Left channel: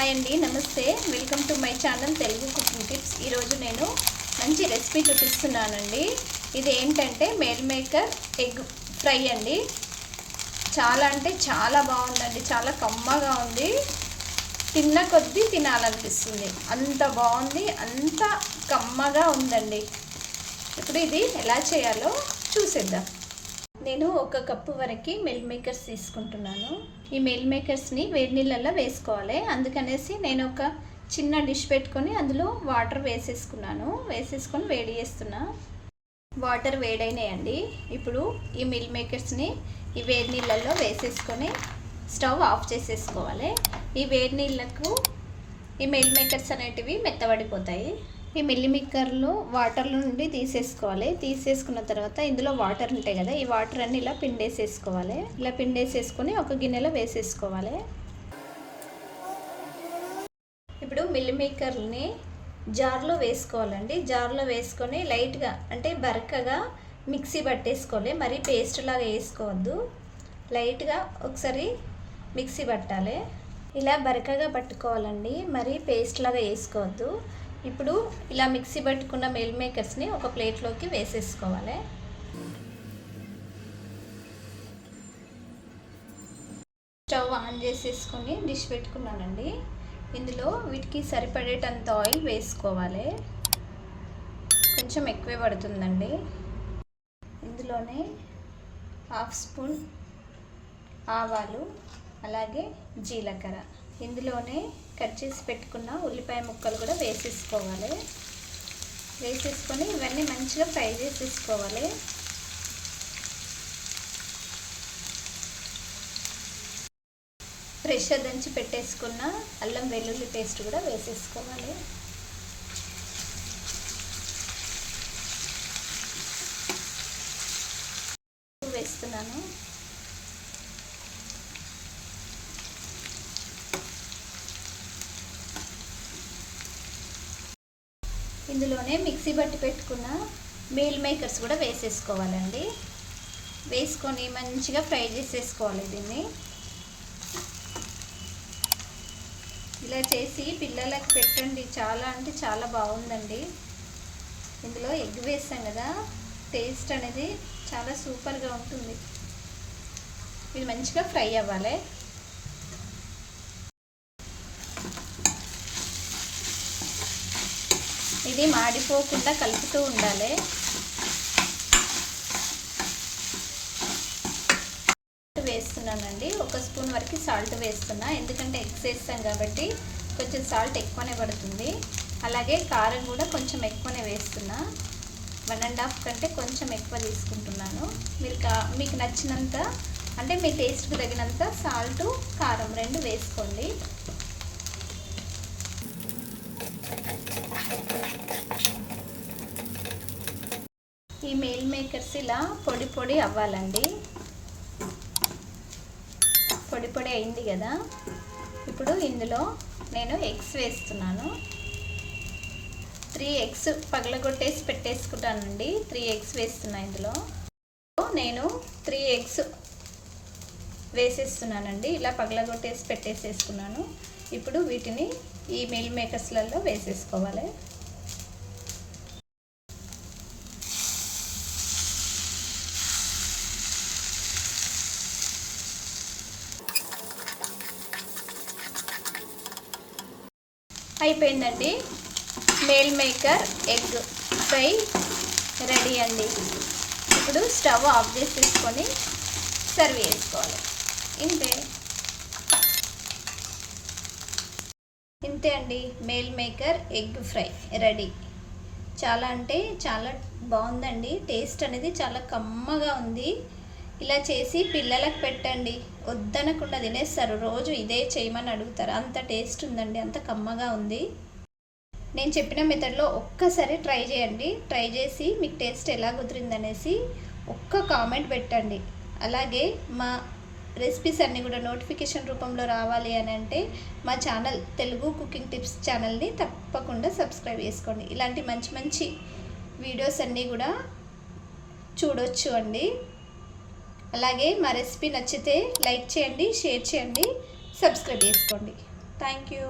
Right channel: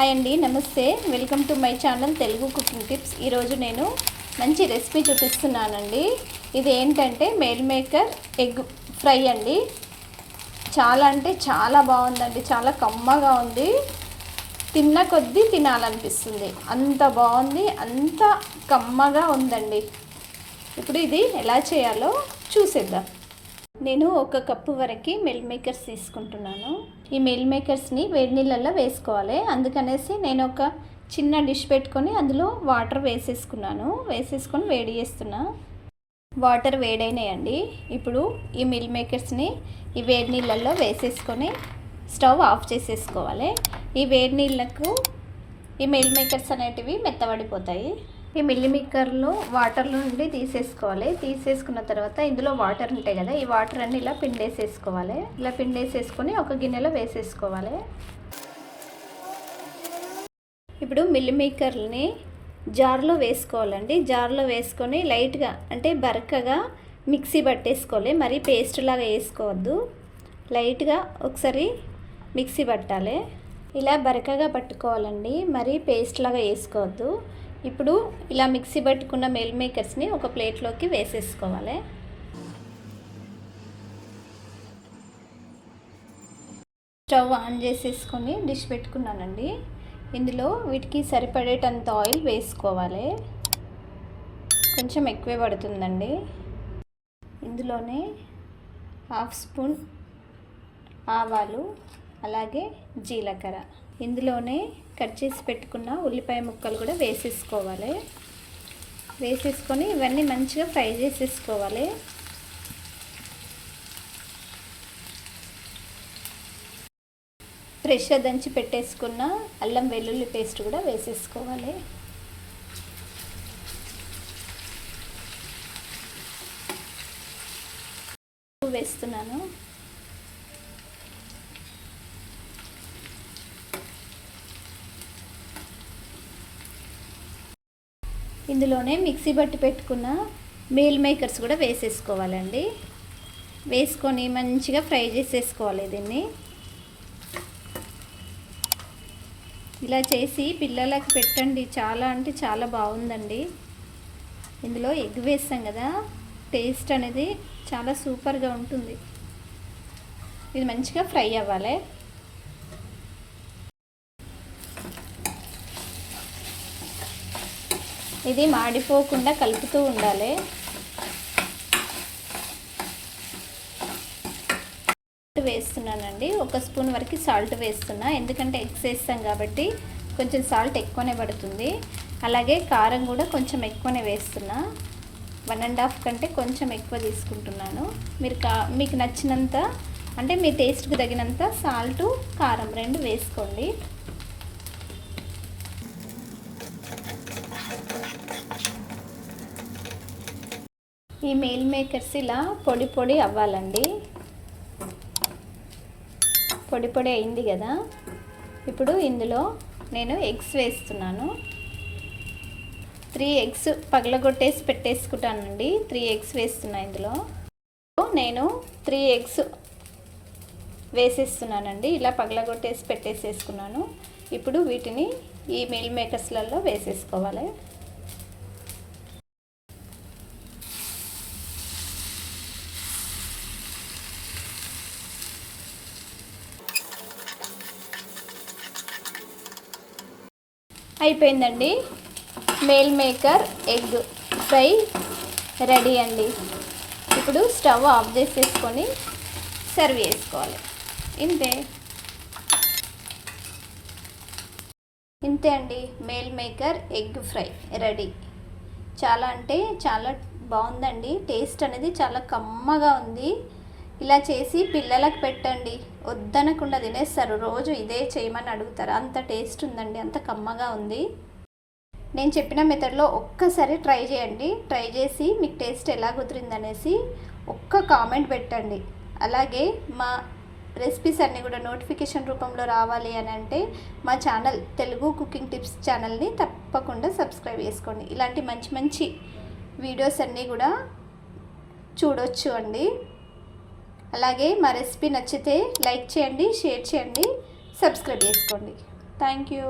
Hi అండి నమస్తే. Welcome to my channel Telugu cooking tips ఈరోజు నేను మంచి రెసిపీ చూపిస్తున్నానండి. ఇది ఏంటంటే మేల్ మేకర్ ఎగ్ ఫ్రై అండి. చాలా అంటే చాలా బాగుందండి. చాలా కమ్మగా ఉంది. తిన్న కొద్దీ తినాలనిపిస్తుంది. అంత బాగుంది అంత కమ్మగా ఉందండి. ఇప్పుడు ఇది ఎలా చేయాలో చూసేద్దాం. నేను ఒక కప్పు వరకు మిల్ మేకర్స్ తీసుకుంటున్నాను. ఈ మిల్ మేకర్స్ని వేడి నీళ్ళల్లో వేసుకోవాలి. అందుకనేసి నేను ఒక చిన్న డిష్ పెట్టుకొని అందులో వాటర్ వేసేసుకున్నాను. వేసేసుకొని వేడి చేస్తున్నా. వాటర్ వేడైనాయండి. ఇప్పుడు ఈ మిల్ మేకర్స్ని ఈ వేడి నీళ్ళల్లో వేసేసుకొని స్టవ్ ఆఫ్ చేసేసుకోవాలి. ఈ వేడి నీళ్ళకు ఈ మిల్ మేకర్స్ అనేటివి మెత్తబడిపోతాయి. ఈ మిల్లి వాటర్ నుండి తీసేసుకోవాలి. తీసేసుకున్న తర్వాత ఇందులో వాటర్ ఉంటాయి కదా ఈ వాటర్ అన్ని ఇలా పిండేసేసుకోవాలి. ఇలా పిండేసేసుకొని ఒక గిన్నెలో వేసేసుకోవాలి. ఇప్పుడు మిల్లిమేకర్ని జార్లో వేసుకోవాలండి. జార్లో వేసుకొని లైట్గా అంటే బరకగా మిక్సీ పట్టేసుకోవాలి. మరీ పేస్ట్ లాగా వేసుకోవద్దు. లైట్గా ఒకసారి మిక్సీ పట్టాలి. ఇలా బరకగా పట్టుకోవాలండి. మరీ పేస్ట్ లాగా వేసుకోవద్దు. ఇప్పుడు ఇలా మిక్సీ పట్టుకున్న మెల్ మేకర్స్ని ఒక ప్లేట్లోకి వేసేసుకోవాలి. స్టవ్ ఆన్ చేసేసుకొని డిష్ పెట్టుకున్నానండి. ఇందులో వీటికి సరిపడేటంత ఆయిల్ వేసుకోవాలి. కొంచెం ఎక్కువే పడుతుందండి. ఇందులోనే హాఫ్ స్పూన్ ఆవాలు అలాగే జీలకర్ర. ఇందులోనే కట్ చేసి పెట్టుకున్న ఉల్లిపాయ ముక్కలు కూడా వేసేసుకోవాలి. వేసేసుకొని ఇవన్నీ మంచిగా ఫ్రై చేసేసుకోవాలి. ఫ్రెష్గా దంచి పెట్టేసుకున్న అల్లం వెల్లుల్లి పేస్ట్ కూడా వేసేసుకోవాలి. వేస్తున్నాను. ఇందులోనే మిక్సీ బట్టి పెట్టుకున్న మీల్ మేకర్స్ కూడా వేసేసుకోవాలండి. వేసుకొని మంచిగా ఫ్రై చేసేసుకోవాలి దీన్ని. ఇలా చేసి పిల్లలకి పెట్టండి. చాలా అంటే చాలా బాగుందండి. ఇందులో ఎగ్ వేస్తాం కదా. టేస్ట్ అనేది చాలా సూపర్గా ఉంటుంది. ఇది మంచిగా ఫ్రై అవ్వాలి. ఇది మాడిపోకుండా కలుపుతూ ఉండాలి. వేస్తున్నానండి. ఒక స్పూన్ వరకు సాల్ట్ వేస్తున్నా. ఎందుకంటే ఎగ్స్ వేస్తాం కాబట్టి కొంచెం సాల్ట్ ఎక్కువనే పడుతుంది. అలాగే కారం కూడా కొంచెం ఎక్కువనే వేస్తున్నా. వన్ అండ్ హాఫ్ కంటే కొంచెం ఎక్కువ తీసుకుంటున్నాను. మీరు కా మీకు నచ్చినంత అంటే మీ టేస్ట్కి తగినంత సాల్టు కారం రెండు వేసుకోండి. ఈ మీల్ మేకర్స్ ఇలా పొడి పొడి అవ్వాలండి. పొడి పొడి అయింది కదా. ఇప్పుడు ఇందులో నేను ఎగ్స్ వేస్తున్నాను. త్రీ ఎగ్స్ పగలగొట్టేసి పెట్టేసుకుంటానండి. త్రీ ఎగ్స్ వేస్తున్నా ఇందులో. నేను త్రీ ఎగ్స్ వేసేస్తున్నానండి. ఇలా పగలగొట్టేసి పెట్టేసేసుకున్నాను. ఇప్పుడు వీటిని ఈ మిల్ మేకర్స్లలో వేసేసుకోవాలి. అయిపోయిందండి. Meal maker egg fry ready అండి. ఇప్పుడు స్టవ్ ఆఫ్ చేసేసుకొని సర్వ్ చేసుకోవాలి. ఇంతే. ఇంతే అండి. Meal maker egg fry ready. చాలా అంటే చాలా బాగుందండి. టేస్ట్ అనేది చాలా కమ్మగా ఉంది. ఇలా చేసి పిల్లలకు పెట్టండి. వద్దనకుండా తినేస్తారు. రోజు ఇదే చేయమని అడుగుతారు. అంత టేస్ట్ ఉందండి. అంత కమ్మగా ఉంది. నేను చెప్పిన మెథడ్లో ఒక్కసారి ట్రై చేయండి. ట్రై చేసి మీకు టేస్ట్ ఎలా కుదిరిందనేసి ఒక్క కామెంట్ పెట్టండి. అలాగే మా రెసిపీస్ అన్నీ కూడా నోటిఫికేషన్ రూపంలో రావాలి అని అంటే మా ఛానల్ తెలుగు కుకింగ్ టిప్స్ ఛానల్ని తప్పకుండా సబ్స్క్రైబ్ చేసుకోండి. ఇలాంటి మంచి మంచి వీడియోస్ అన్నీ కూడా చూడొచ్చు అండి. అలాగే మా రెసిపీ నచ్చితే లైక్ చేయండి షేర్ చేయండి సబ్స్క్రైబ్ చేసుకోండి. Thank you